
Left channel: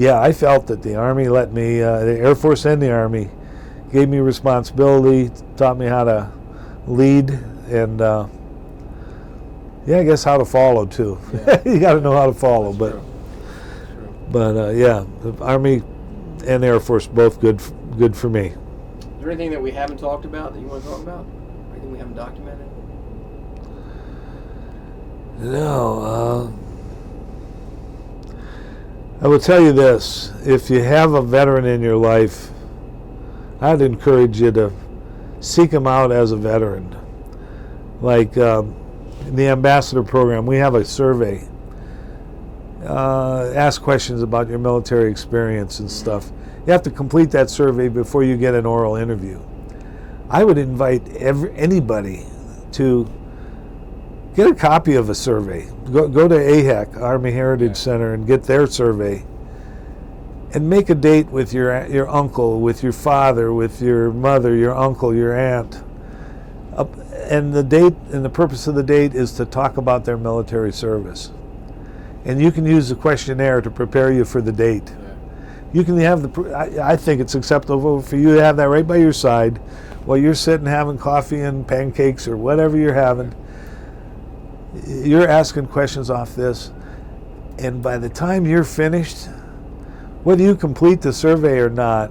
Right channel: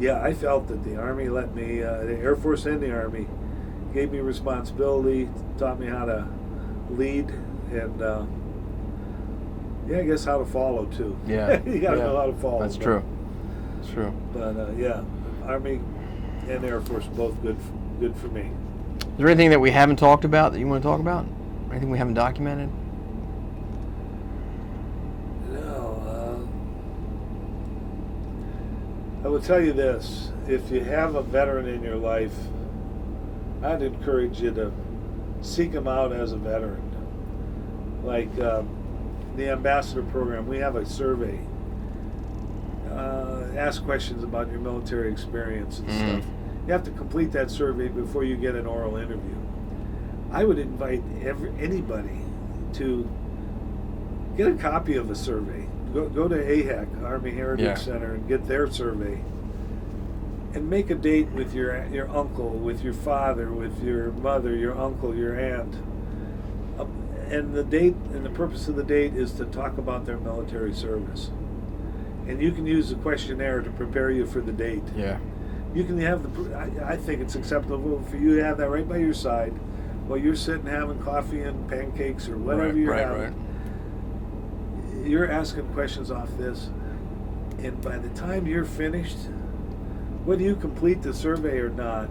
I felt that the Army let me, the Air Force and the Army gave me responsibility, taught me how to lead, and I guess how to follow too. Yeah. You got to know how to follow. That's true. That's true. But the Army and Air Force both good for me. Is there anything that we haven't talked about that you want to talk about? Anything we haven't documented? No. I will tell you this: if you have a veteran in your life, I'd encourage you to seek them out as a veteran. Like in the ambassador program, we have a survey. Ask questions about your military experience and stuff. You have to complete that survey before you get an oral interview. I would invite anybody to get a copy of a survey. Go to AHEC, Army Heritage Center, and get their survey. And make a date with your uncle, with your father, with your mother, your uncle, your aunt. And the date and the purpose of the date is to talk about their military service. And you can use the questionnaire to prepare you for the date. Yeah. You can have I think it's acceptable for you to have that right by your side while you're sitting having coffee and pancakes or whatever you're having. Right. You're asking questions off this, and by the time you're finished, whether you complete the survey or not,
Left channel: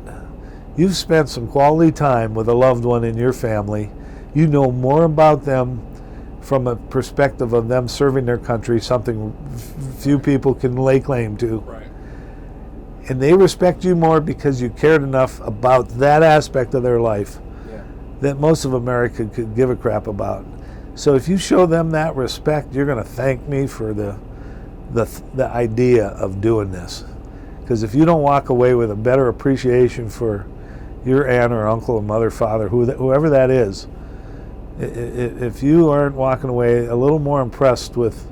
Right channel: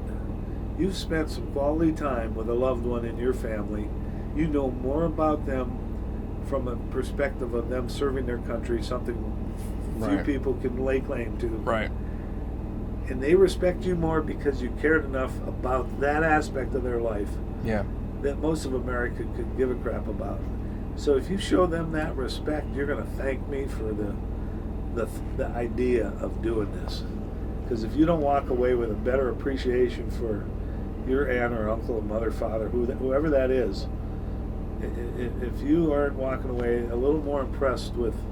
you've spent some quality time with a loved one in your family. You know more about them from a perspective of them serving their country, something few people can lay claim to. Right. And they respect you more because you cared enough about that aspect of their life that most of America could give a crap about. So if you show them that respect, you're going to thank me for the idea of doing this. Because if you don't walk away with a better appreciation for your aunt or uncle or mother, father, whoever that is, if you aren't walking away a little more impressed with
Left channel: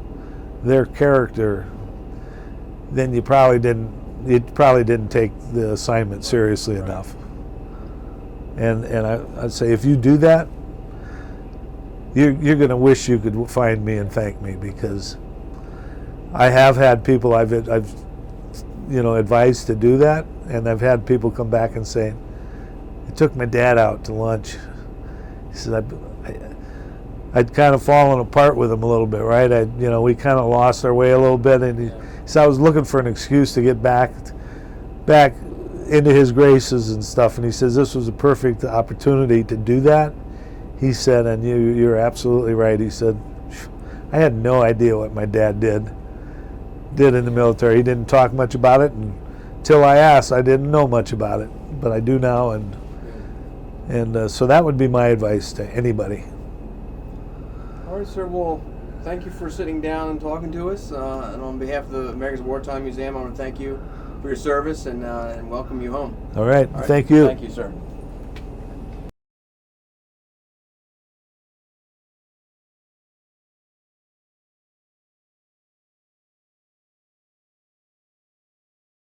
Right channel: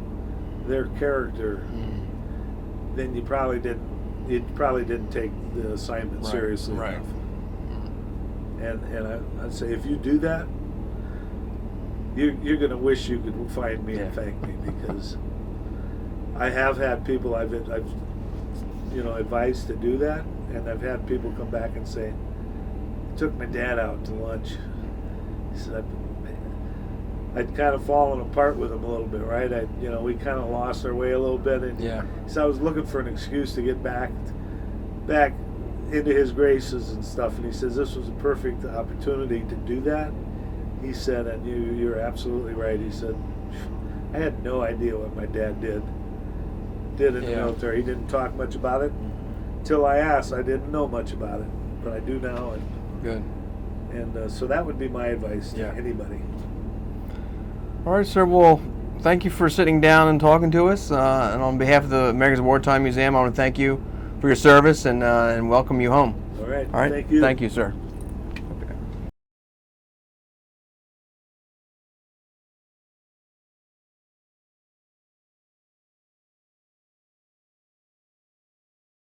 their character, then you probably didn't take the assignment seriously enough. And I'd say if you do that, you're going to wish you could find me and thank me, because I have had people I've advised to do that, and I've had people come back and say, I took my dad out to lunch. He said, I'd kind of fallen apart with him a little bit, right? We kind of lost our way a little bit, and so I was looking for an excuse to get back into his graces and stuff. And he says this was a perfect opportunity to do that. He said, and you're absolutely right. He said, I had no idea what my dad did in the military. He didn't talk much about it until I asked. I didn't know much about it, but I do now. And good. And so that would be my advice to anybody. All right, sir. Well, thank you for sitting down and talking to us. And on behalf of the America's Wartime Museum, I want to thank you for your service and welcome you home. All right. All right. Thank you. Thank you, sir.